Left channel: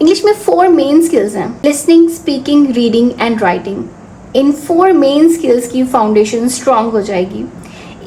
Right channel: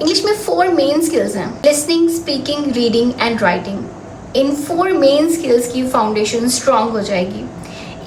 English में 4 main skills हैं, listening, speaking, reading and writing. In 4 main skills की foundation strong हो जाएगी।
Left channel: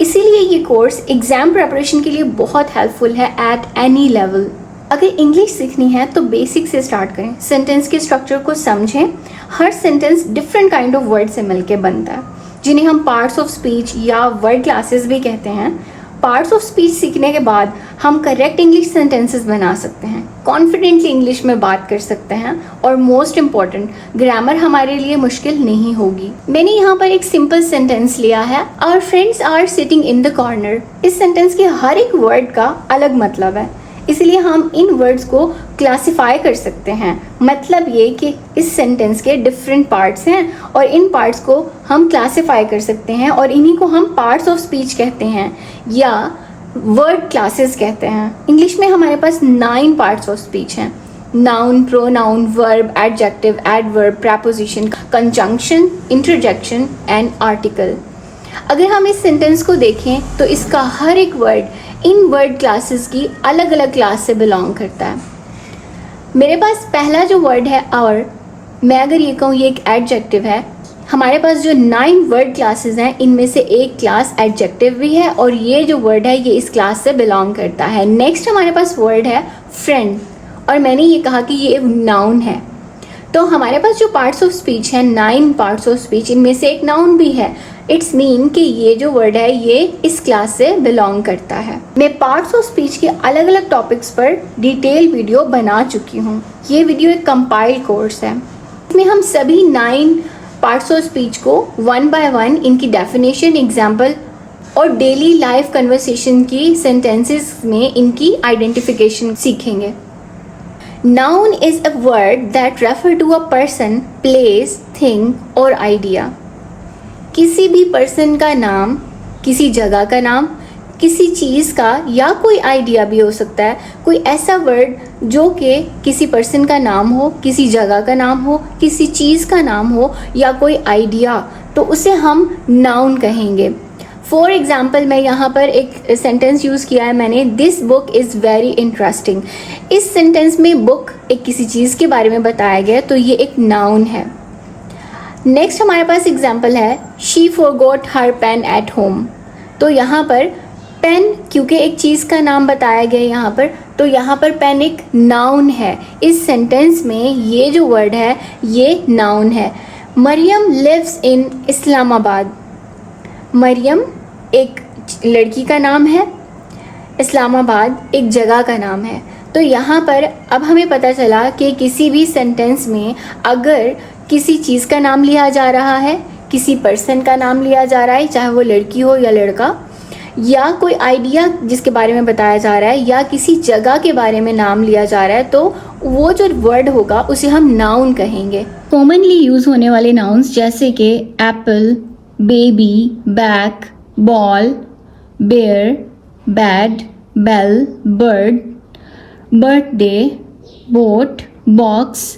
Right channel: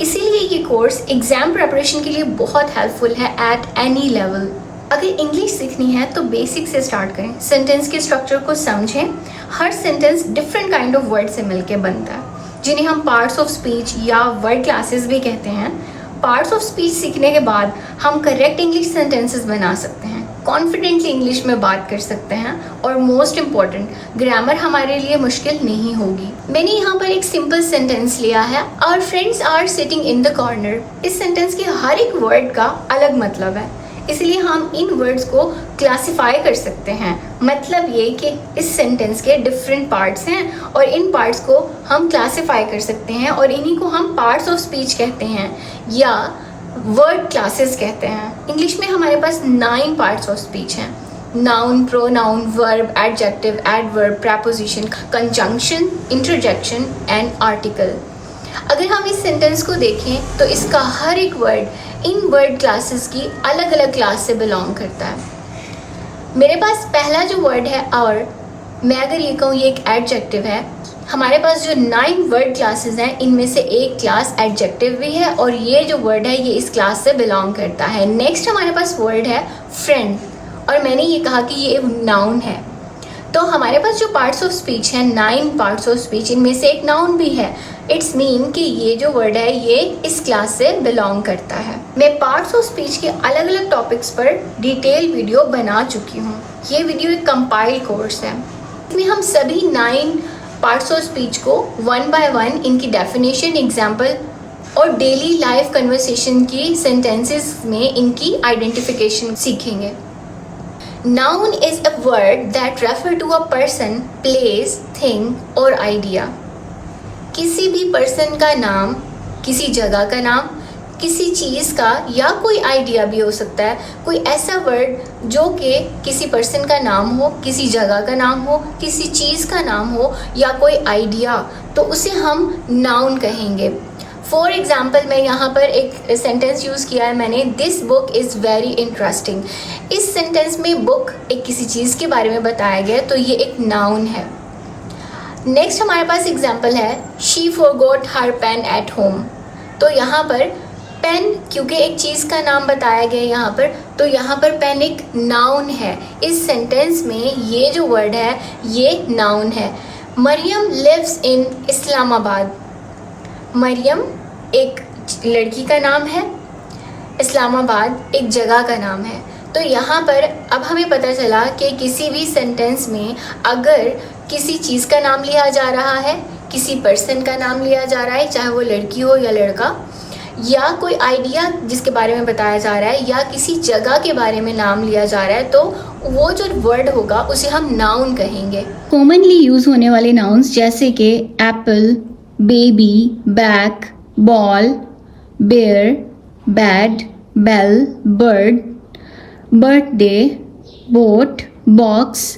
इसीलिए ये कोर्स एग्जाम प्रिपरेशन के लिए बहुत हेल्पफुल है एट एनी लेवल। अगर इंग्लिश सीखनी है तो बेसिक से स्टार्ट करें, सेंटेंस के स्ट्रक्चर को समझें। हर sentence different kind of word से मिलकर बनता है, जिन्हें हम पार्ट्स ऑफ स्पीच या वर्ड क्लासेस भी कहते हैं। पार्ट्स ऑफ स्पीच सीखने के बाद हम करेक्ट इंग्लिश सेंटेंसेस बना सकते हैं, कॉन्फिडेंटली इंग्लिश में बात कर सकते हैं और मोस्ट इम्पॉर्टेंट, ग्रामर हमारे लिए मुश्किल नहीं होगी। मैंने यहाँ पर एक सिंपल सेंटेंस लिया है, our friends are sitting in the corner. इस सेंटेंस के हर एक वर्ड का अलग मतलब है, इसलिए हम इन वर्ड्स को क्लासिफाई कर सकते हैं। मतलब ये कि इस सेंटेंस के डिफरेंट पार्ट्स हैं और इन पार्ट्स को हम क्लासिफाई कर सकते हैं और इन्हीं को हम पार्ट्स ऑफ स्पीच कहते हैं या वर्ड क्लासेस कहते हैं। इंग्लिश में हमारे पास 9 पार्ट्स ऑफ स्पीच हैं, noun, pronoun, verb, adjective, adverb, preposition, conjunction, interjection and article. अगर हम इस सेंटेंस को देखें तो इसका हर एक वर्ड इन वर्ड क्लासेस की अलग अलग क्लास से बिलोंग करता है। मेरे पास पहला जो वर्ड है आवर, मैं अगर ये कहूँ ये एक एडजेक्टिव है। हमारे पास जो 9 वर्ड क्लासेस हैं इनमें से एक क्लास एडजेक्टिव भी है और ये जो वर्ड है ये इस क्लास से बिलोंग करता है। नेक्स्ट हमारे पास वर्ड है फ्रेंड और मैंने ये कहा कि ये नाउन है। तो हमारे पास जो पार्ट्स ऑफ स्पीच है, 9 पार्ट्स ऑफ स्पीच, इनमें से एक नाउन भी है। इट्स मीन कि ये जो वर्ड है ये इस क्लास से बिलोंग करता है। मैं पार्ट्स ऑफ स्पीच के अलग अलग टॉपिक्स पर डिटेल वीडियो बना चुकी हूँ। ये वीडियो एक कंपाइल्ड कोर्स है। इसमें हम सभी 9 पार्ट्स ऑफ स्पीच को 1 बाय 1 इनकी डेफिनेशन, एग्जाम्पल और डेली लाइफ कन्वर्सेशन की सेंटेंसेस में इनकी आइडेंटिफिकेशन सीखेंगे। Noun is a word that refer to a person, place, thing or idea. किसी भी पर्सन का नाम, किसी जगह का नाम, किसी चीज का या कोई आइडिया भी हो सकता है। कोई ऐसा वर्ड जो कि किसी पर्सन का नाम हो, किसी जगह का नाम हो, किसी चीज का नाम हो या कोई आइडिया, तो उसे हम नाउन कहेंगे। फॉर एग्जाम्पल मैं यहाँ पर एक सेंटेंस यूज किया है मैंने, this book is very interesting. इस सेंटेंस में बुक एक किसी चीज के बारे में बताया गया, तो ये एक नाउन है। नेक्स्ट हमारे पास एग्जाम्पल है, she forgot her pen at home. तो यहाँ पर पेन, क्योंकि एक चीज का नाम बताया गया यहाँ पर, तो यहाँ पर पेन एक नाउन है। इस सेंटेंस में ये जो वर्ड है ये नाउन है। Mariam lives in Islamabad. मरियम एक लड़की का नाम है, इस्लामाबाद एक जगह का नाम है। तो यहाँ पर अब हमें पता चला कि किसी भी सेंटेंस में अगर किसी चीज़ का नाम लिया जा रहा है, किसी पर्सन का नाम लिया जा रहा है, चाहे वो लड़की हो या लड़का, या कोई आइडिया जिसके बारे में बताया जा रहा है, या किसी जगह के बारे में नाम लिया जा रहा है, तो वो जो वर्ड होगा उसे हम नाउन कहेंगे। कॉमनली यूज होने वाले नाउन्स जैसे कि apple, baby, back, ball, bear, bad, bell, bird, birthday, boat, box,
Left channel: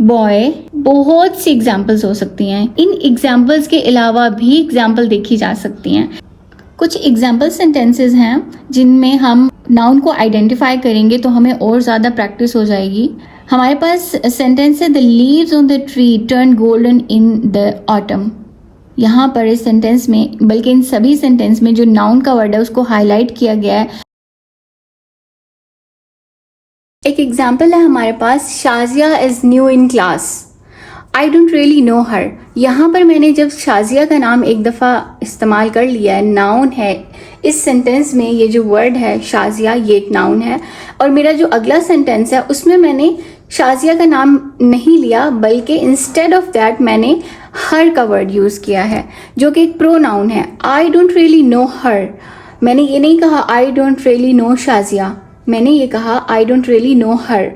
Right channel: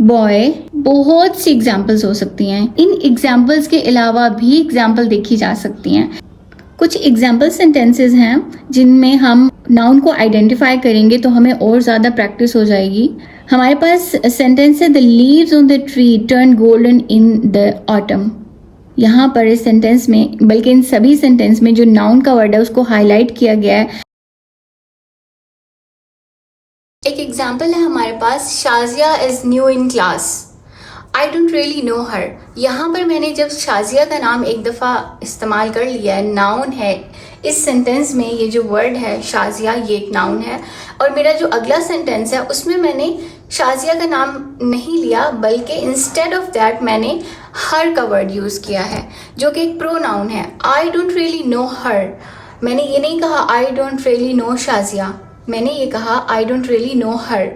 boy, बहुत सी एग्जाम्पल्स हो सकती हैं। इन एग्जाम्पल्स के अलावा भी एग्जाम्पल देखी जा सकती हैं। कुछ एग्जाम्पल सेंटेंसेस हैं जिनमें हम नाउन को आइडेंटिफाई करेंगे तो हमें और ज़्यादा प्रैक्टिस हो जाएगी। हमारे पास सेंटेंस है, the leaves on the tree turn golden in the autumn. यहाँ पर इस सेंटेंस में, बल्कि इन सभी सेंटेंस में जो नाउन का वर्ड है उसको हाईलाइट किया गया है। एक एग्जाम्पल है हमारे पास, Shazia is new in class, I don't really know her. यहाँ पर मैंने जब शाजिया का नाम एक दफ़ा इस्तेमाल कर लिया है, नाउन है। इस सेंटेंस में ये जो वर्ड है शाजिया, ये एक नाउन है। और मेरा जो अगला सेंटेंस है उसमें मैंने शाजिया का नाम नहीं लिया, बल्कि इंस्टेड ऑफ दैट मैंने हर का वर्ड यूज़ किया है, जो कि एक प्रोनाउन है। I don't really know her, मैंने ये नहीं कहा I don't really know Shazia, मैंने ये कहा I don't really know her.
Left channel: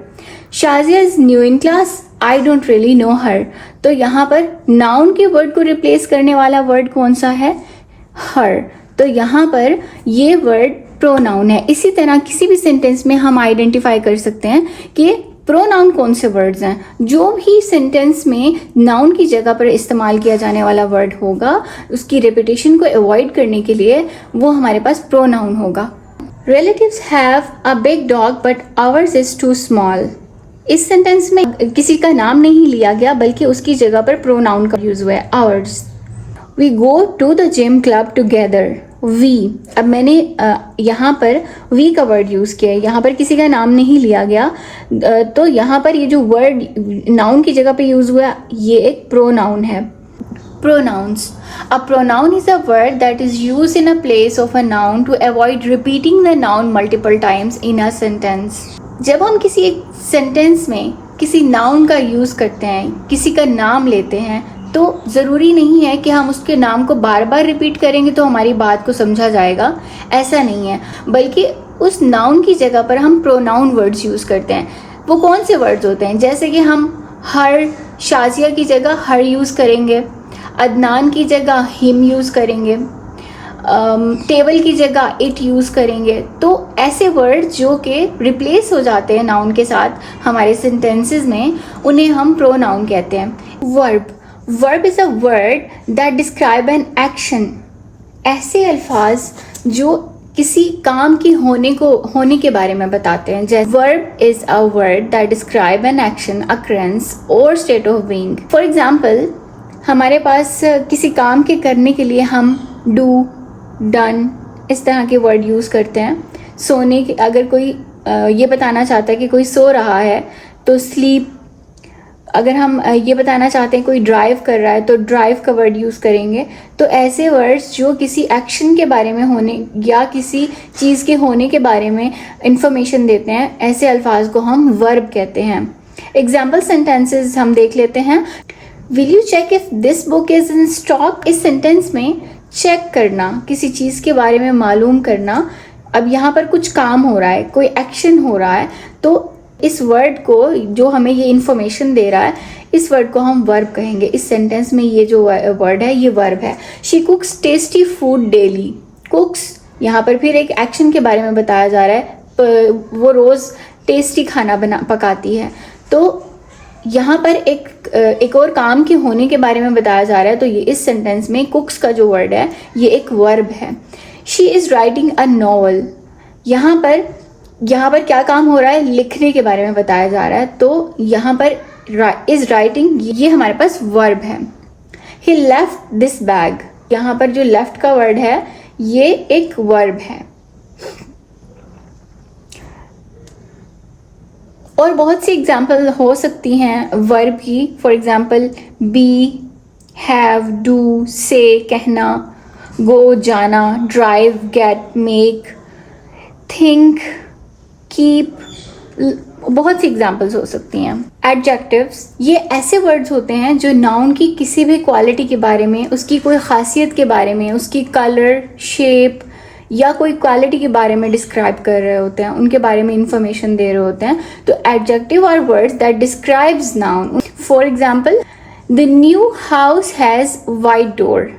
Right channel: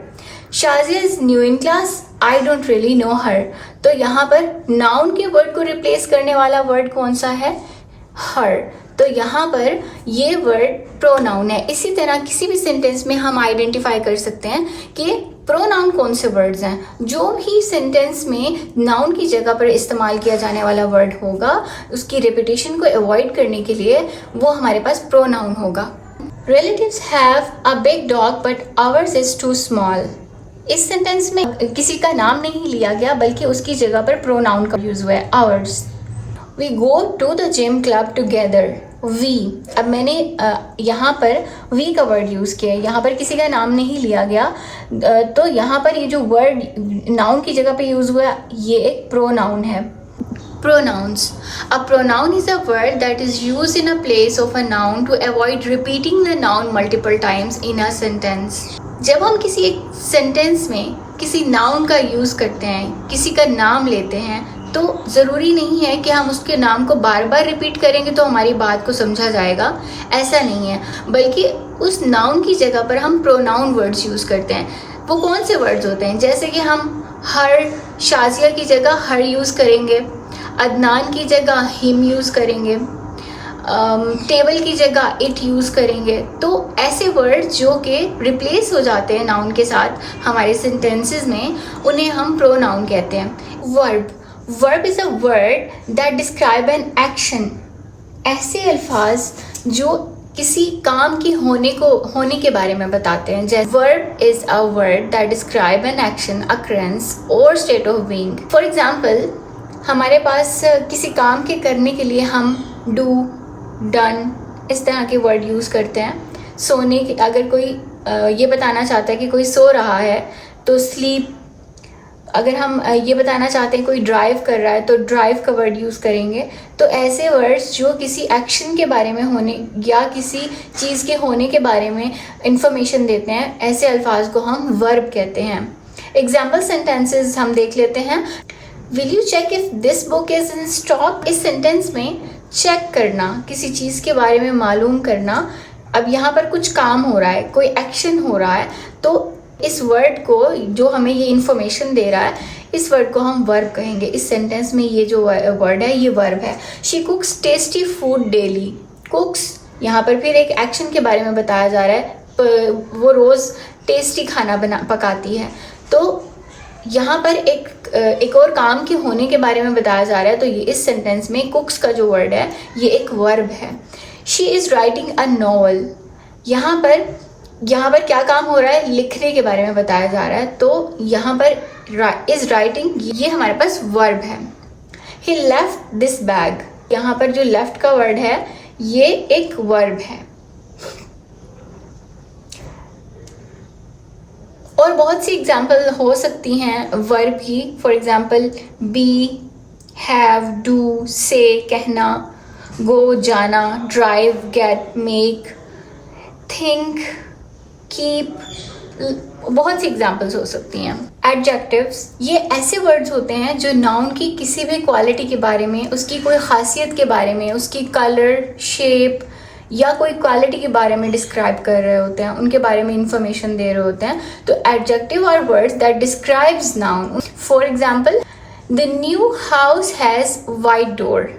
Shazia is new in class, I don't really know her. तो यहाँ पर नाउन के वर्ड को रिप्लेस करने वाला वर्ड कौन सा है? हर। तो यहाँ पर ये वर्ड प्रोनाउन है। इसी तरह किसी भी सेंटेंस में हम आइडेंटिफाई कर सकते हैं कि प्रोनाउन कौन से वर्ड्स हैं। जो भी सेंटेंस में नाउन की जगह पर इस्तेमाल किया जाने वाला वर्ड होगा, उसकी रेपिटेशन को अवॉइड करने के लिए वो हमारे पास प्रोनाउन होगा। Relatives have a big dog but ours is too small. इस सेंटेंस में किसी का नाम नहीं लिया गया बल्कि उसकी जगह पर प्रोनाउन का यूज हुआ है, ours. We go to the gym club together, we. अब मैंने यहाँ पर वी का वर्ड यूज किया है, यहाँ पर किसी का नाम नहीं लिया गया, तो यहाँ पर ये जो वर्ड नाउन की जगह पे यूज हुआ ये एक प्रोनाउन है। Pronouns. A pronoun is a word that is used in a place of a noun to avoid repeating the noun multiple times in a sentence. जब हम किसी एक सेंटेंस में किसी नाउन का यूज करते हैं, किसी का नाम लेते हैं, तो ज़रूरी नहीं है कि हम उसके नाम को बार बार रिपीट करेंगे तो हमारी बात को समझा जाएगा, ऐसा नहीं है। बल्कि उस नाउन की जगह पर हम प्रोनाउन वर्ड्स यूज करते हैं। वो कौन से वर्ड्स होते हैं? जैसे कि हम हर, शाजिया की जगह हर यूज करेंगे, अदनान की जगह हिम यूज करेंगे, टेबल की जगह इट यूज करेंगे। तो ऐसे वर्ड जो कि रिप्लेस हो जाते हैं नाउन के साथ हमारे सेंटेंसेस में, उन्हें हम प्रोनाउन कहते हैं। Verb is a word that describe an action. ऐसे अल्फाज जो किसी काम की होने के बारे में बताते हैं। जैसे verb is a word that describe an action, occurrence और state of being. For example, हमारे पास किसी काम के करने के लिए हम डू, डन इस तरह के वर्ड यूज करते हैं। सोने की, अगर कोई ये बताना चाहता है कि कोई सो रहा है तो स्लीप। अगर हम ये बताना चाहते हैं कोई ड्राइव कर रहा है तो ड्राइव का वर्ड यूज करेंगे। तो ऐसे वर्ड्स जो किसी एक्शन के बारे में होने या किसी चीज के होने के बारे में इंफॉर्मेशन देते हैं, ऐसे अल्फाज को हम वर्ब कहते हैं। एग्जाम्पल सेंटेंसेस हम देख लेते हैं। Will you check if this book is in stock? इस सेंटेंस में चेक करना, किसी चीज के बारे में मालूम करना। अब यहाँ पर कुछ काम हो रहा है, कोई एक्शन हो रहा है, तो इस वर्ड को, जो हमें ये इंफॉर्मेशन दे रहा है, इस वर्ड को हम वर्ब कहेंगे। इस सेंटेंस में ये जो वर्ड है ये वर्ब है। She कुक्स tasty food daily. कुक्स, यहाँ पर फिर एक एक्शन के बारे में बताया जा रहा है, वो रोज टेस्टी खाना पकाती है। तो यहाँ पर एक और काम के होने के बारे में बताया जा रहा है, तो ये इस सेंटेंस में कुक्स का जो वर्ड है ये एक वर्ब है। She is writing a novel. यहाँ पर क्या काम हो रहा है? लिखने के बारे में बताया जा रहा है, तो यहाँ पर इज राइटिंग ये हमारे पास वर्ब है। ही लेफ्ट दिस बैग। यहाँ पर जो लेफ्ट का वर्ड है ये एक वर्ब है। और बहुत सी एग्जाम्पल हो सकती हैं वर्ब की। For example, be, have, do, say कहना, गो जाना, drive, get, make, think, keep, बहुत सी एग्जाम्पल्स हो सकती हैं। एडजेक्टिव्स, ये ऐसे वर्ड्स होते हैं जो नाउन की किसी भी क्वालिटी के बारे में, उसकी कोई खासियत के बारे में, उसकी कलर, शेप या कोई क्वालिटी के बारे में डिस्क्राइब कर रहे होते हैं, उनके बारे में इंफॉर्मेशन दे रहे होते हैं। तो adjective are words that describes noun. For example, the new house has white door.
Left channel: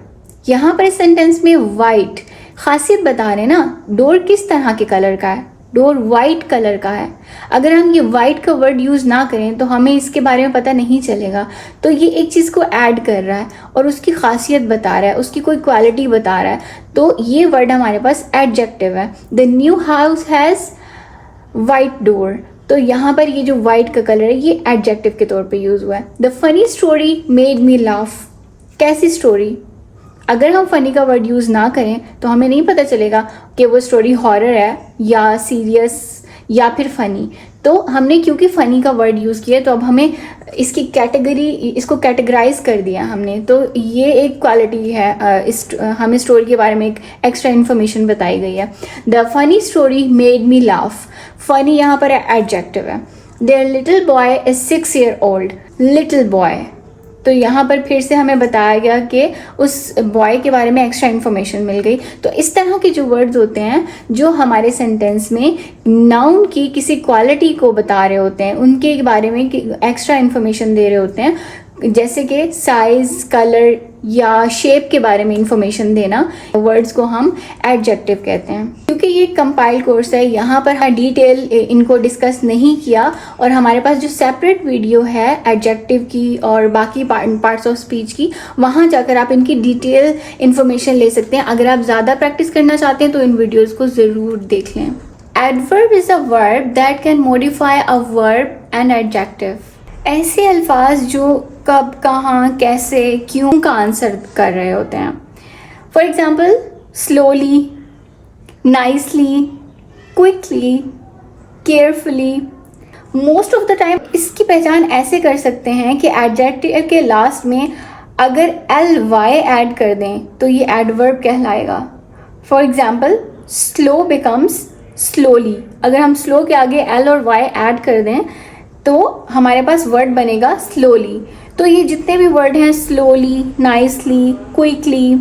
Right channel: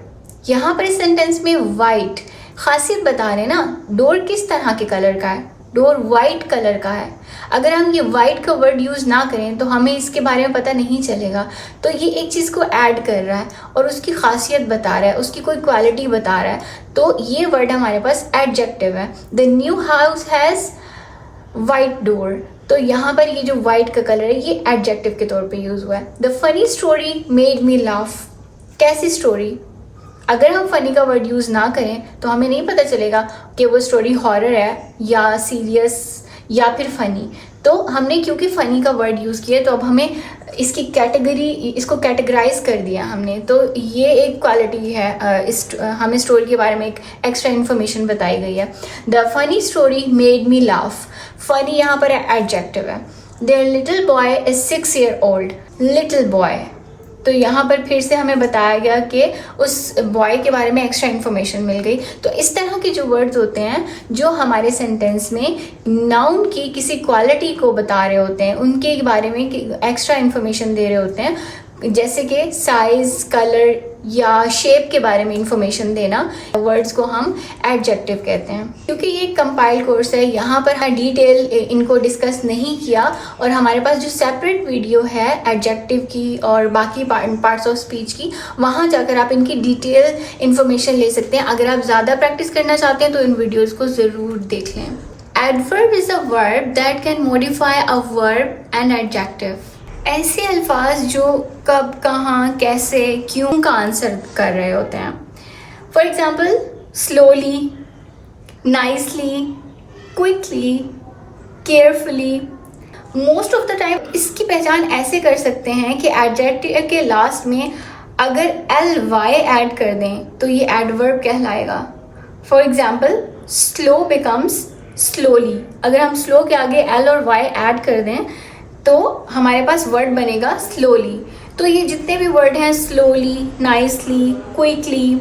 यहाँ पर इस सेंटेंस में वाइट खासियत बता रहे ना, डोर किस तरह के कलर का है? डोर वाइट कलर का है। अगर हम ये वाइट का वर्ड यूज ना करें तो हमें इसके बारे में पता नहीं चलेगा। तो ये एक चीज को ऐड कर रहा है और उसकी खासियत बता रहा है, उसकी कोई क्वालिटी बता रहा है। तो ये वर्ड हमारे पास एडजेक्टिव है। The new house has white door. तो यहाँ पर ये जो वाइट का कलर है ये एडजेक्टिव के तौर पे यूज हुआ है। The funny story made me laugh. कैसी स्टोरी? अगर हम फनी का वर्ड यूज ना करें तो हमें नहीं पता चलेगा कि वो स्टोरी हॉरर है या सीरियस या फिर फनी। तो हमने क्योंकि फनी का वर्ड यूज किया तो अब हमें इसकी इसको कैटेगराइज कर दिया हमने। तो ये एक क्वालिटी है, हमें स्टोरी के बारे में एक एक्स्ट्रा इन्फॉर्मेशन बताई गई है। The funny story made me laugh. Funny यहाँ पर एडजेक्टिव है। There little boy is 6 years old। Little boy, तो यहाँ पर फिर से हमें बताया गया कि उस बॉय के बारे में एक्स्ट्रा इन्फॉर्मेशन मिल गई। तो इस तरह के जो वर्ड्स होते हैं जो हमारे सेंटेंस में नाउन की किसी क्वालिटी को बता रहे होते हैं, उनके बारे में एक्स्ट्रा इन्फॉर्मेशन दे रहे होते हैं, जैसे कि साइज, कलर या शेप के बारे में इंफॉर्मेशन देना, वर्ड्स को हम एडजेक्टिव कहते हैं। क्योंकि ये कंपाइल कोर्स है, यहाँ पर डिटेल इनको डिस्कस नहीं किया और हमारे पास जो सेपरेट वीडियो है एडजेक्टिव की और बाकी पार्ट्स ऑफ स्पीच की, वहाँ जाकर आप इनकी डिटेल इंफॉर्मेशन ले सकते हैं। अगर आप ज़्यादा प्रैक्टिस करना चाहते हैं तो इन वीडियोज़ को ज़रूर देख लें। Adverb is a verb that can modify a verb and adjective. ऐसे अल्फाज जो कब, कहाँ, कैसे, क्यों का आंसर कर रहे होते हैं. For example slowly, nicely, quickly, carefully. Most of the time इसकी पहचान ऐसे कर सकते हैं कि एडजेक्टिव के लास्ट में अगर ly ऐड कर दें तो ये एडवर्ब कहलाएगा. For example slow becomes slowly. अगर हम स्लो के आगे l और y ऐड कर दें तो हमारे पास वर्ड बनेगा स्लोली. तो ये जितने भी वर्ड हैं स्लोली, नाइसली, क्विकली,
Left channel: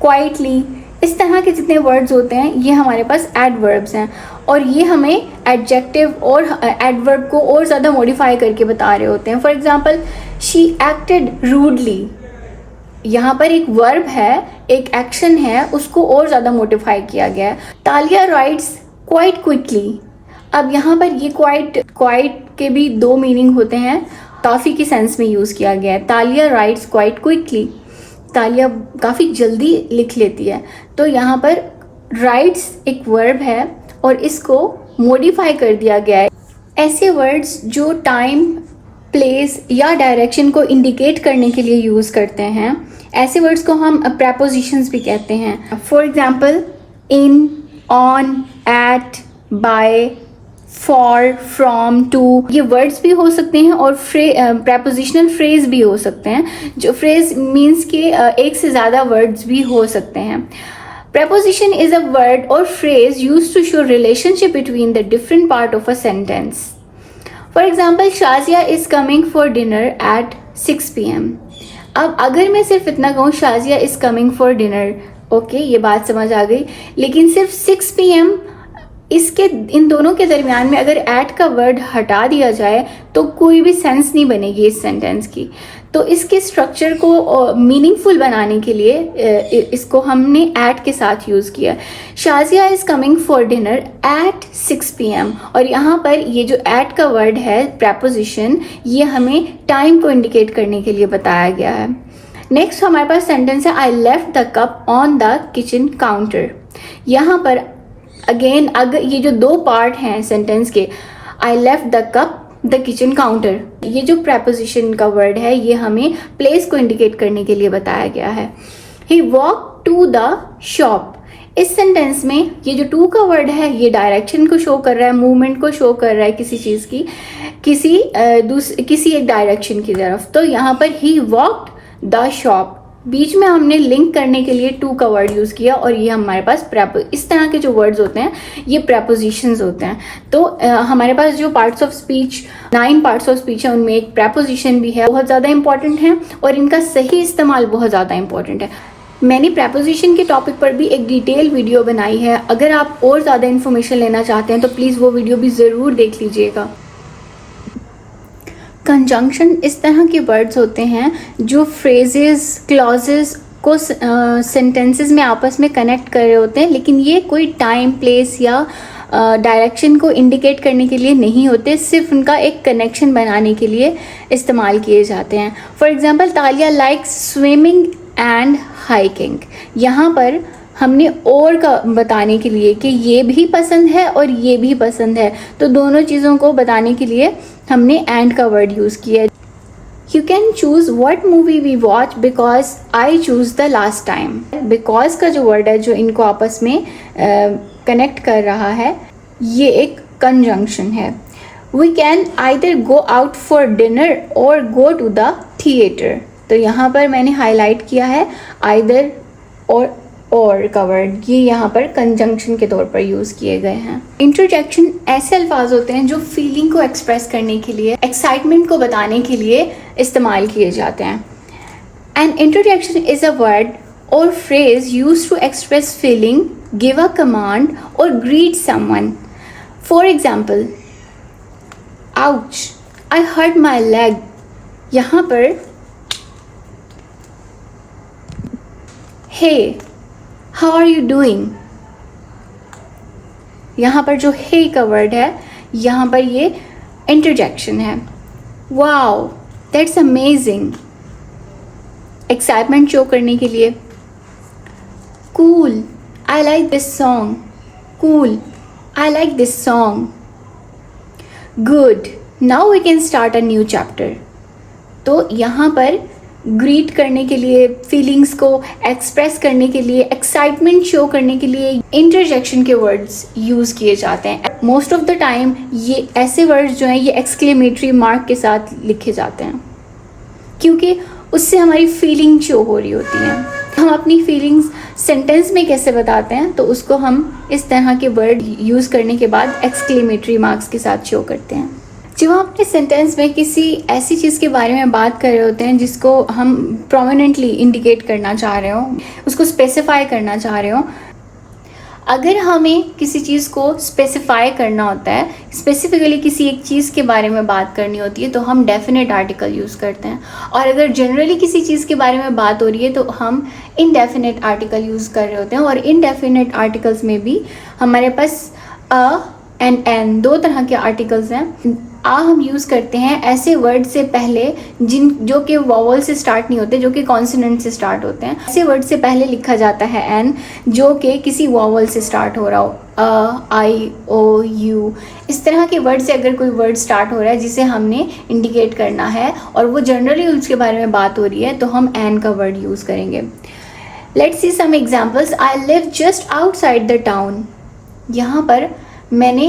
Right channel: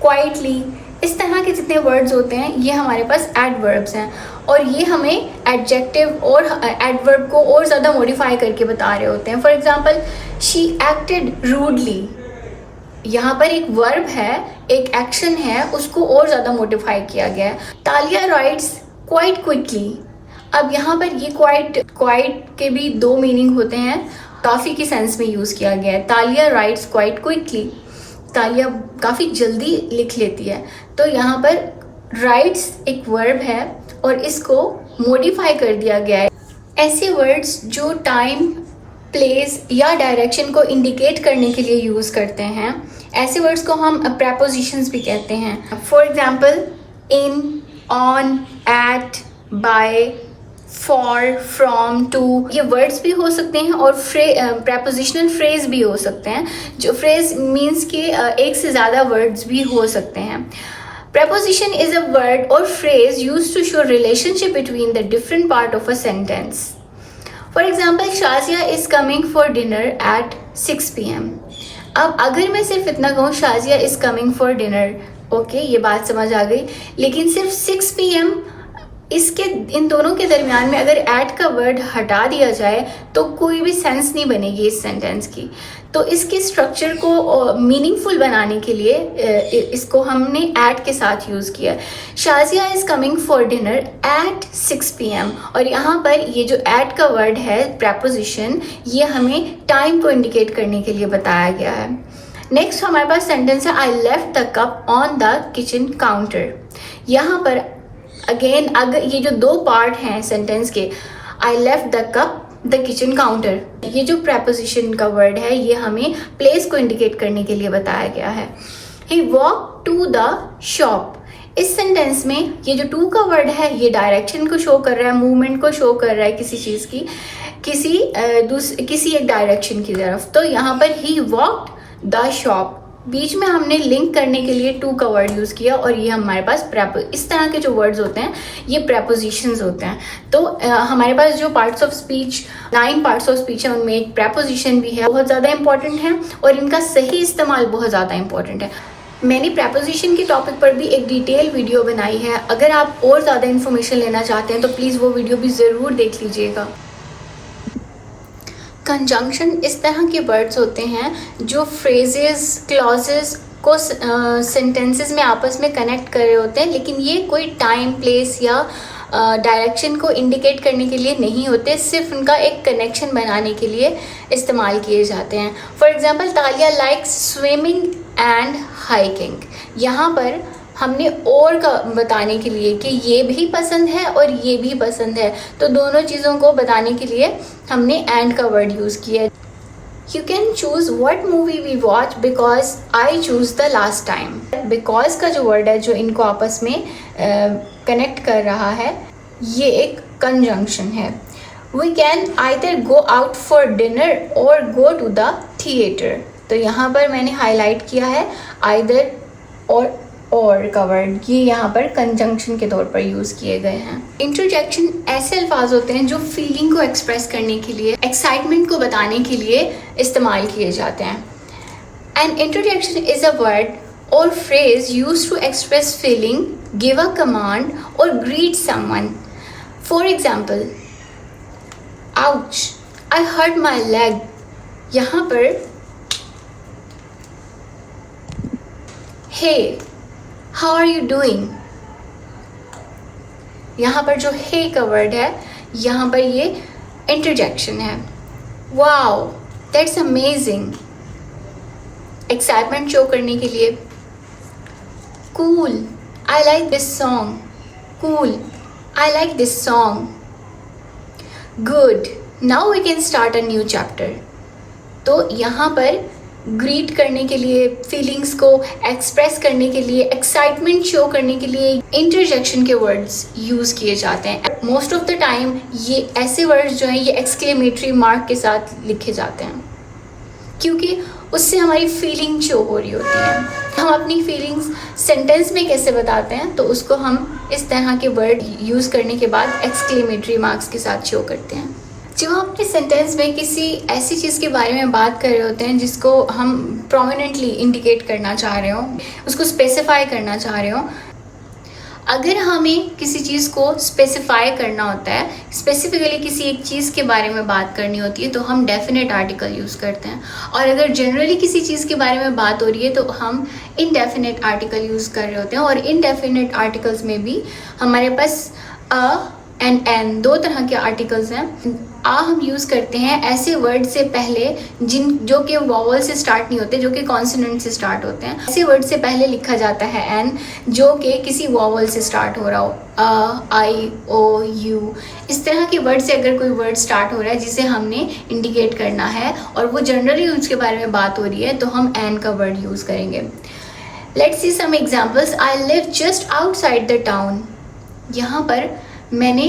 क्वाइटली, इस तरह के जितने वर्ड्स होते हैं ये हमारे पास एडवर्ब्स हैं और ये हमें एडजेक्टिव और एडवर्ब को और ज़्यादा मॉडिफाई करके बता रहे होते हैं. For example she acted rudely. यहाँ पर एक वर्ब है, एक एक्शन है, उसको और ज़्यादा मॉडिफाई किया गया है. तालिया राइट्स क्वाइट क्विकली. अब यहाँ पर ये क्वाइट के भी दो मीनिंग होते हैं, काफ़ी की सेंस में यूज़ किया गया है. तालिया राइट्स क्वाइट क्विकली. तालिया काफ़ी जल्दी लिख लेती है. तो यहाँ पर राइट्स एक वर्ब है और इसको मॉडिफाई कर दिया गया है. ऐसे वर्ड्स जो टाइम, प्लेस या डायरेक्शन को इंडिकेट करने के लिए यूज़ करते हैं, ऐसे वर्ड्स को हम प्रेपोजिशंस भी कहते हैं. For example in, on, at, by, for, from, to, ये वर्ड्स भी हो सकते हैं और प्रेपोजिशनल फ्रेज भी हो सकते हैं. जो फ्रेज मीन्स के एक से ज़्यादा वर्ड्स भी हो सकते हैं. Preposition is a word or phrase used to show relationship between the different part of a sentence. For example, Shazia is coming for dinner at 6 p.m. अब अगर मैं सिर्फ इतना कहूँ Shazia is coming for dinner, okay, ये बात समझ आ गई. लेकिन सिर्फ 6 p.m. इसके इन दोनों के दरमियान में अगर एट का वर्ड हटा दिया जाए तो कोई भी सेंस नहीं बनेगी इस सेंटेंस की. तो इसके स्ट्रक्चर को मीनिंगफुल बनाने के लिए इसको हमने एट के साथ यूज़ किया. Shazia is coming for dinner eight 6 p.m. और यहाँ पर ये जो एट का वर्ड है, प्रेपोजिशन, ये हमें टाइम को इंडिकेट करने के लिए बताया गया है. नेक्स्ट हमारे पास सेंटेंस है I left the cup on the kitchen counter. यहाँ पर अगेन अगर ये जो दो पार्ट हैं सेंटेंस के, I left the cup, the kitchen counter, ये जो प्रेपोजिशन का वर्ड है ये हमें प्लेस को इंडिकेट करने के लिए बताया गया है. ही वॉक टू द शॉप. इस सेंटेंस में ये जो टू का वर्ड है ये डायरेक्शन को शो कर रहा है, मूवमेंट को शो कर रहा है किसी चीज़ की, किसी एक डायरेक्शन की तरफ. तो यहाँ पर ही वॉकड द शॉप, बीच में हमने लिंक करने के लिए टू का वर्ड यूज़ किया और ये हमारे पास इस तरह के जो वर्ड्स होते हैं ये प्रेपोजिशंस होते हैं. तो हमारे पास जो parts of speech, 9 parts of speech है, उनमें एक प्रेपोजिशन भी है, बहुत ज़्यादा इंपॉर्टेंट है और इनका सही इस्तेमाल बहुत ज़्यादा इंपॉर्टेंट है. मैंने प्रेपोजिशन के टॉपिक पर भी एक डिटेल वीडियो बनाई है. अगर आप और ज़्यादा इन्फॉर्मेशन लेना चाहते हैं तो प्लीज़ वो वीडियो भी ज़रूर देख लीजिएगा. कंजंक्शन इस तरह के वर्ड्स होते हैं जो फ्रेजेस, क्लॉजेस को सेंटेंसेस में आपस में कनेक्ट कर रहे होते हैं, लेकिन ये कोई टाइम, प्लेस या डायरेक्शन को इंडिकेट करने के लिए नहीं होते, सिर्फ उनका एक कनेक्शन बनाने के लिए इस्तेमाल किए जाते हैं. For example Talia likes swimming and hiking. यहाँ पर हमने और का बताने के लिए कि ये भी पसंद है और ये भी पसंद है, तो दोनों चीज़ों को बताने के लिए हमने एंड का वर्ड यूज़ किया. You can choose what movie we watch because I choose the last time. Because का जो वर्ड है जो इनको आपस में कनेक्ट कर रहा है, ये एक कंजंक्शन है. We can either go out for dinner or go to the theatre. तो यहाँ पर मैंने हाईलाइट किया है आइदर और का वर्ड, ये यहाँ पर कंजंक्शन के तौर पर यूज़ किए गए हैं. इंटरजेक्शन ऐसे अल्फाज होते हैं जो फीलिंग को एक्सप्रेस करने के लिए, एक्साइटमेंट को बताने के लिए इस्तेमाल किए जाते हैं. An interjection is a word or phrase used to express feeling, give a command or greet someone. For example, ouch, I hurt my leg. यहाँ पर hey, how are you doing? यहाँ पर जो hey का वर्ड है, यहाँ पर ये इंटरजेक्शन है. Wow, that's amazing. Excitement show करने के लिए. Cool, I like this song. Cool, I like this song. Good. Now we can start a new chapter. तो यहाँ पर ग्रीट करने के लिए, फीलिंग्स को एक्सप्रेस करने के लिए, एक्साइटमेंट शो करने के लिए इंटरजेक्शन के वर्ड्स यूज किए जाते हैं. मोस्ट ऑफ द टाइम ये ऐसे वर्ड्स जो हैं ये एक्सक्लेमेटरी मार्क के साथ लिखे जाते हैं, क्योंकि उससे हमारी फीलिंग शो हो रही होती है. हम अपनी फीलिंग्स सेंटेंस में कैसे बताते हैं, तो उसको हम इस तरह के वर्ड यूज करने के बाद एक्सक्लेमेटरी मार्क्स के साथ शो करते हैं. जब हम अपने सेंटेंस में किसी ऐसी चीज़ के बारे में बात कर रहे होते हैं जिसको हम प्रोमिनेंटली इंडिकेट करना चाह रहे हो, उसको स्पेसिफाई करना चाह रहे हो, अगर हमें किसी चीज़ को स्पेसिफाई करना होता है, स्पेसिफिकली किसी एक चीज़ के बारे में बात करनी होती है, तो हम डेफिनेट आर्टिकल यूज़ करते हैं. और अगर जनरली किसी चीज़ के बारे में बात हो रही है तो हम इनडेफिनेट आर्टिकल यूज़ कर रहे होते हैं. और इनडेफिनेट आर्टिकल्स में भी हमारे पास अ एंड एन दो तरह के आर्टिकल्स हैं. आ हम यूज़ करते हैं ऐसे वर्ड से पहले जो कि वॉवल से स्टार्ट नहीं होते, जो कि कॉन्सोनेंट से स्टार्ट होते हैं. ऐसे वर्ड से पहले लिखा जाता है एन, जो कि किसी वॉवल से स्टार्ट हो रहा हो. अ, आई, ओ, यू, इस तरह के वर्ड से अगर कोई वर्ड स्टार्ट हो रहा है जिसे हमने इंडिकेट करना है और वो जनरली उसके बारे में बात हो रही है, तो हम एन का वर्ड यूज़ करेंगे. Let's see some examples. I live just outside the town. यहाँ पर मैंने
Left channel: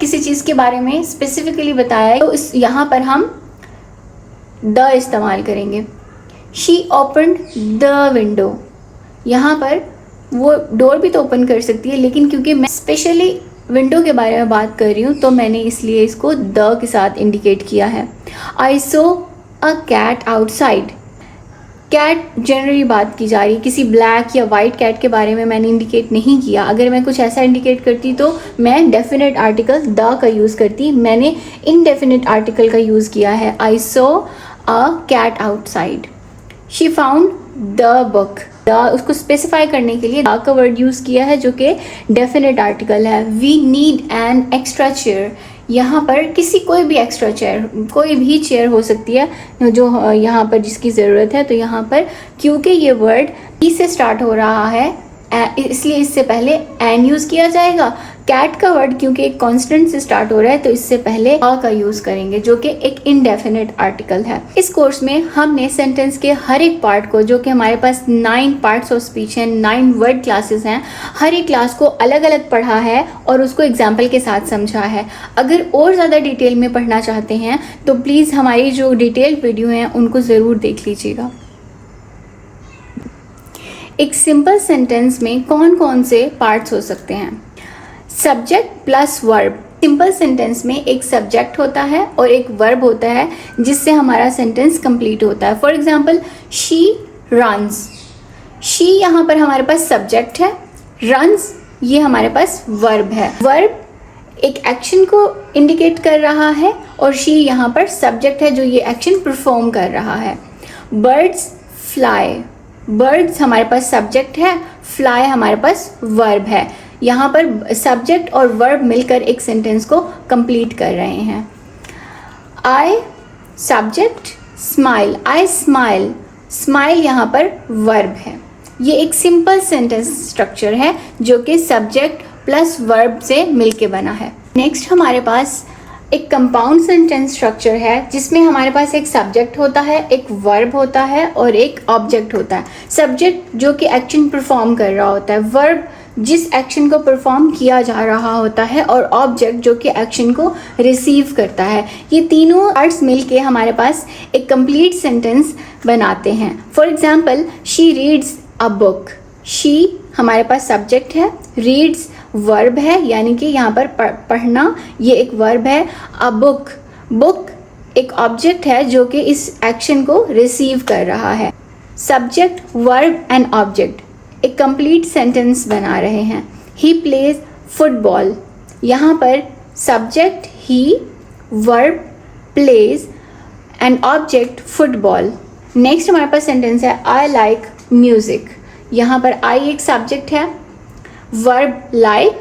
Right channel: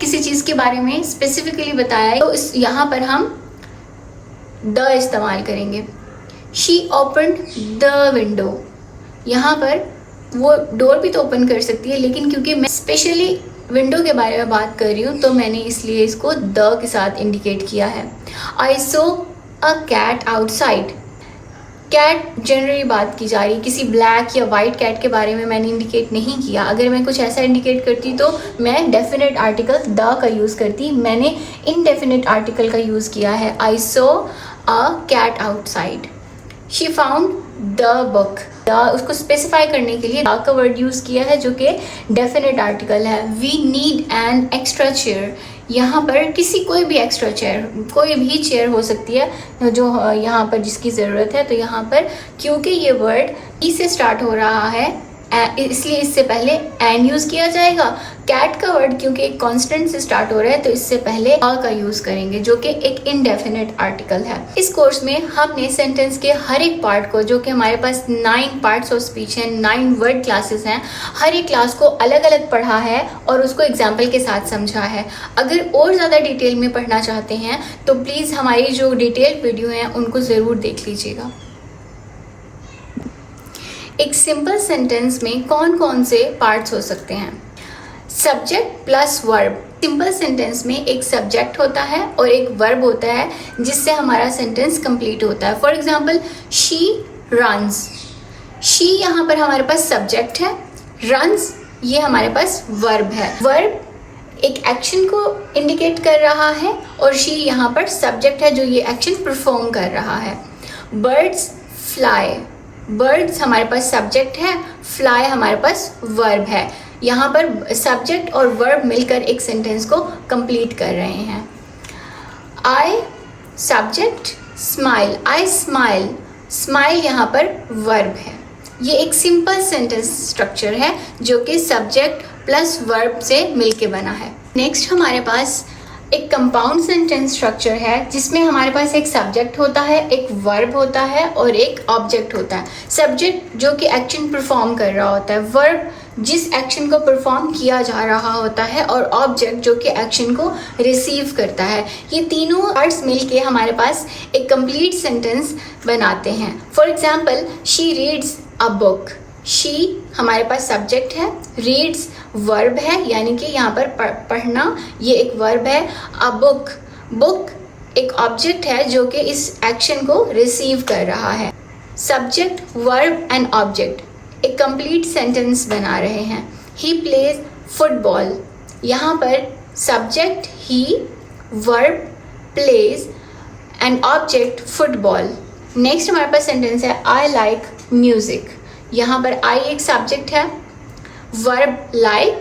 किसी चीज़ के बारे में स्पेसिफिकली बताया है, तो यहाँ पर हम द इस्तेमाल करेंगे. She opened the window. यहाँ पर वो डोर भी तो ओपन कर सकती है, लेकिन क्योंकि मैं स्पेशली विंडो के बारे में बात कर रही हूँ तो मैंने इसलिए इसको द के साथ इंडिकेट किया है. I saw a cat outside. Cat generally बात की जा रही, किसी ब्लैक या वाइट कैट के बारे में मैंने इंडिकेट नहीं किया. अगर मैं कुछ ऐसा इंडिकेट करती तो मैं डेफिनेट आर्टिकल द का यूज़ करती. मैंने इनडेफिनेट आर्टिकल का यूज़ किया है. I saw a cat outside. She found the book. The उसको स्पेसिफाई करने के लिए द का वर्ड यूज़ किया है, जो कि डेफिनेट आर्टिकल है. We need an extra chair. यहाँ पर किसी कोई भी एक्स्ट्रा चेयर, कोई भी चेयर हो सकती है जो यहाँ पर जिसकी ज़रूरत है. तो यहाँ पर क्योंकि ये वर्ड ई से स्टार्ट हो रहा है, इसलिए इससे पहले एन यूज़ किया जाएगा. कैट का वर्ड क्योंकि एक कॉन्स्टेंट से स्टार्ट हो रहा है, तो इससे पहले अ का यूज़ करेंगे, जो कि एक इनडेफिनेट आर्टिकल है. इस कोर्स में हमने सेंटेंस के हर एक पार्ट को, जो कि हमारे पास 9 पार्ट्स ऑफ स्पीच हैं, 9 वर्ड क्लासेस हैं, हर एक क्लास को अलग अलग पढ़ा है और उसको एग्जाम्पल के साथ समझा है. अगर और ज़्यादा डिटेल में पढ़ना चाहते हैं तो प्लीज़ हमारी जो डिटेल वीडियो हैं उनको ज़रूर देख लीजिएगा. एक सिंपल सेंटेंस में कौन कौन से पार्ट्स हो सकते हैं? Subject plus verb. Simple sentence में एक सब्जेक्ट होता है और एक वर्ब होता है जिससे हमारा सेंटेंस कंप्लीट होता है. For example, she runs. She यहाँ पर हमारे पास सब्जेक्ट है, रन्स ये हमारे पास वर्ब है. वर्ब एक एक्शन को इंडिकेट कर रहा है और शी यहाँ पर सब्जेक्ट है जो ये एक्शन परफॉर्म कर रहा है. Birds fly. बर्ड्स हमारे पास सब्जेक्ट है, फ्लाई हमारे पास वर्ब है. यहाँ पर सब्जेक्ट और वर्ब मिलकर एक सेंटेंस को कंप्लीट कर रहे हैं. I subject, smile. I smile. Smile यहाँ पर वर्ब है. ये एक सिंपल सेंटेंस स्ट्रक्चर है जो कि सब्जेक्ट प्लस वर्ब से मिलके बना है. नेक्स्ट हमारे पास एक कंपाउंड सेंटेंस स्ट्रक्चर है जिसमें हमारे पास एक सब्जेक्ट होता है, एक वर्ब होता है और एक ऑब्जेक्ट होता है. सब्जेक्ट जो कि एक्शन परफॉर्म कर रहा होता है, वर्ब जिस एक्शन को परफॉर्म किया जा रहा होता है और ऑब्जेक्ट जो कि एक्शन को रिसीव करता है. ये तीनों पार्ट्स मिलके हमारे पास एक कंप्लीट सेंटेंस बनाते हैं. For example, she reads a book. She हमारे पास सब्जेक्ट है, रीड्स वर्ब है, यानी कि यहाँ पर पढ़ना ये एक वर्ब है. अ बुक, बुक एक ऑब्जेक्ट है जो कि इस एक्शन को रिसीव कर रहा है. सब्जेक्ट, वर्ब एंड ऑब्जेक्ट एक कंप्लीट सेंटेंस बना रहे हैं. He plays football. यहाँ पर subject he, verb plays and object football. Next हमारे पास सेंटेंस है आई लाइक म्यूजिक. यहाँ पर आई एक सब्जेक्ट है, वर्ब लाइक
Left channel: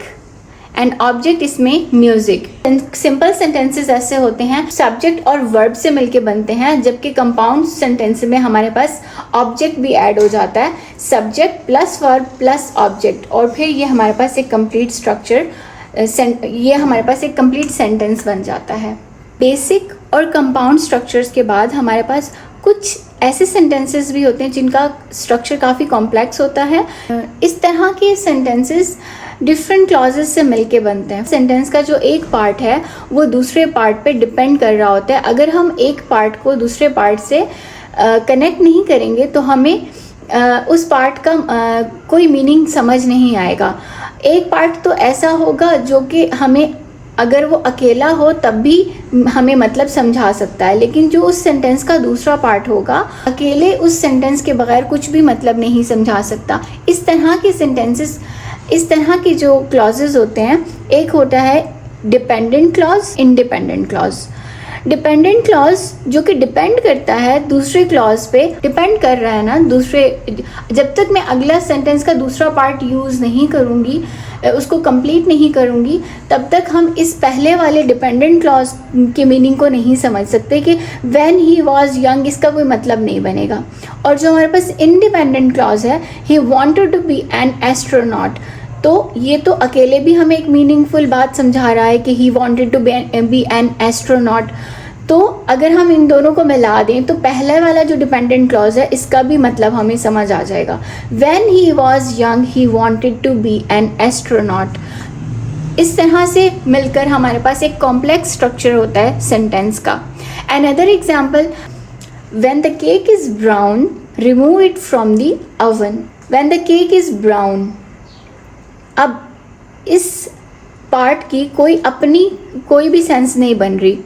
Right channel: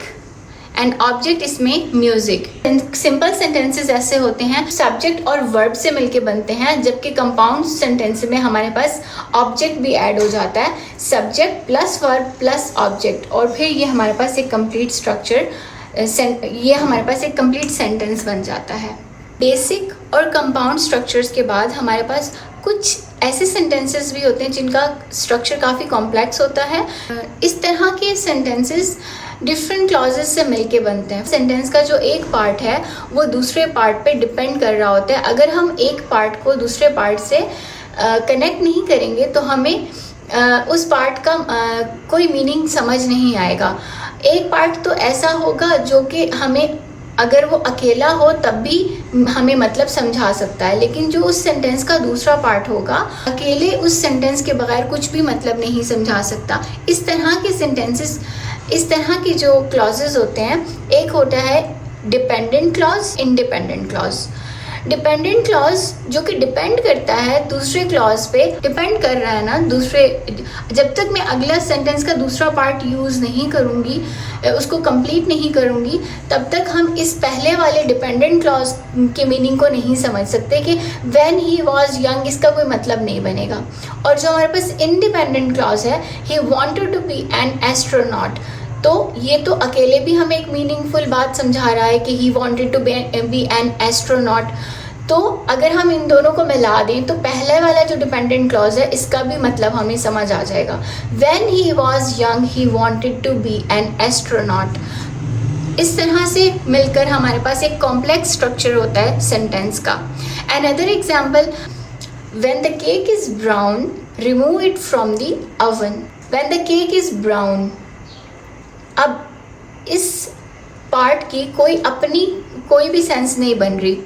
एंड ऑब्जेक्ट इसमें म्यूजिक. सिंपल सेंटेंसेस ऐसे होते हैं सब्जेक्ट और वर्ब से मिलके बनते हैं, जबकि कंपाउंड सेंटेंस में हमारे पास ऑब्जेक्ट भी ऐड हो जाता है. Subject plus verb plus object, और फिर ये हमारे पास एक कंप्लीट स्ट्रक्चर ये हमारे पास एक कंप्लीट सेंटेंस बन जाता है। बेसिक और कंपाउंड स्ट्रक्चर्स के बाद हमारे पास कुछ ऐसे सेंटेंसेस भी होते हैं जिनका स्ट्रक्चर काफ़ी कॉम्प्लेक्स होता है। इस तरह के सेंटेंसेस डिफरेंट क्लॉजेस से मिलके बनते हैं। सेंटेंस का जो एक पार्ट है वो दूसरे पार्ट पे डिपेंड कर रहा होता है। अगर हम एक पार्ट को दूसरे पार्ट से कनेक्ट नहीं करेंगे तो हमें उस पार्ट का कोई मीनिंग समझ नहीं आएगा। एक पार्ट तो ऐसा होगा जो कि हमें अगर वो अकेला हो तब भी हमें मतलब समझा सकता है, लेकिन जो उस सेंटेंस का दूसरा पार्ट होगा अकेले उस सेंटेंस के बगैर कुछ भी मतलब नहीं समझा सकता। इस तरह के सेंटेंसेस, इस तरह के जो क्लॉजेस होते हैं, एक होता है dependent clause, independent clause. Dependent clause जो कि डिपेंड करता है दूसरे क्लॉज पे, डिपेंड कर रहा है ना दूसरे। जब तक मैं अगला सेंटेंस का दूसरा पार्ट यूज नहीं करूंगी, उसको कंप्लीट नहीं करूंगी, तब तक हम इस पहले वाले डिपेंडेंट क्लॉज के मीनिंग को नहीं समझ सकते कि व्हेन ही वाज यंग, इसका कोई मतलब नहीं बनेगा। और जो हमारे पास इंडिपेंडेंट क्लॉज है, he wanted to be an astronaut, तो ये तो अकेले भी हमें एक मीनिंगफुल बात समझा रहा है कि he wanted to be an astronaut. तो अगर हम इन दोनों को मिला दें तो पहला वाला जो डिपेंडेंट क्लॉज है इसका भी मतलब हमें समझ आ जाएगा। When he was young he wanted to be an astronaut. इस तरह से मिलकर हमारे पास एक कॉम्प्लेक्स स्ट्रक्चर होता है सेंटेंस का। Another example, when the cake is brown remove it from the oven. When the cake is brown, अब इस पार्ट की कोई भी सेंस नहीं बन रही।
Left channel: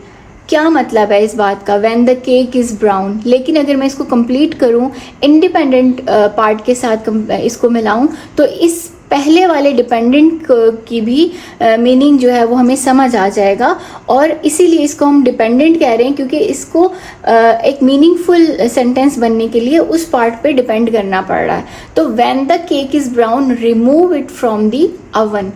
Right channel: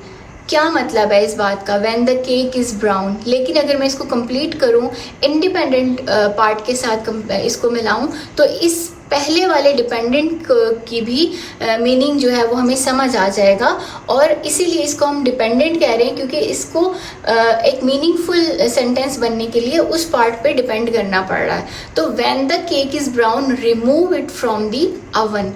क्या मतलब है इस बात का, when the cake is brown. लेकिन अगर मैं इसको कंप्लीट करूं, इंडिपेंडेंट पार्ट के साथ इसको मिलाऊं, तो इस पहले वाले डिपेंडेंट की भी मीनिंग जो है वो हमें समझ आ जाएगा। और इसीलिए इसको हम डिपेंडेंट कह रहे हैं, क्योंकि इसको एक मीनिंगफुल सेंटेंस बनने के लिए उस पार्ट पे डिपेंड करना पड़ रहा है। तो when the cake is brown remove it from the oven.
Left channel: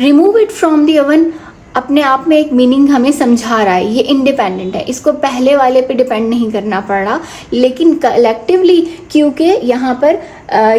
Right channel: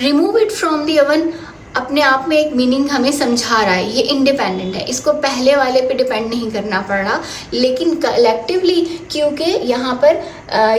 Remove it from the oven अपने आप में एक मीनिंग हमें समझा रहा है, ये इंडिपेंडेंट है, इसको पहले वाले पे डिपेंड नहीं करना पड़ा। लेकिन कलेक्टिवली क्योंकि यहाँ पर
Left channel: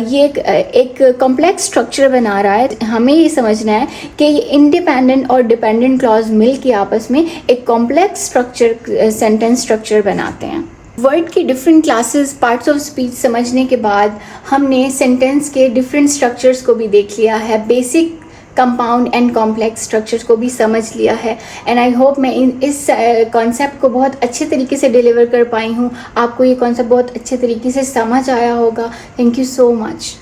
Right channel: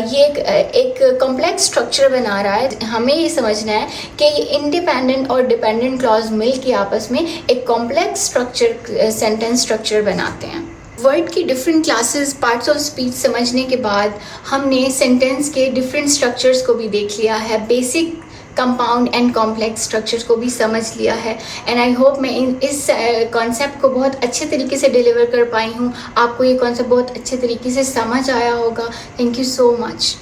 ये एक कॉम्प्लेक्स स्ट्रक्चर बना रहा है, हमें ये समझना है कि ये इंडिपेंडेंट और डिपेंडेंट क्लॉज मिल के आपस में एक कॉम्प्लेक्स स्ट्रक्चर, सेंटेंस स्ट्रक्चर बनाते हैं। वर्ड की different classes, parts of speech समझने के बाद हमने सेंटेंस के डिफरेंट स्ट्रक्चर्स को भी देख लिया है, basic, compound and complex structures को भी समझ लिया है। एंड आई होप मैं इस कॉन्सेप्ट को बहुत अच्छे तरीके से डिलीवर कर पाई हूँ। आपको ये कॉन्सेप्ट बहुत अच्छे तरीके से समझ आया होगा। Thank you so much.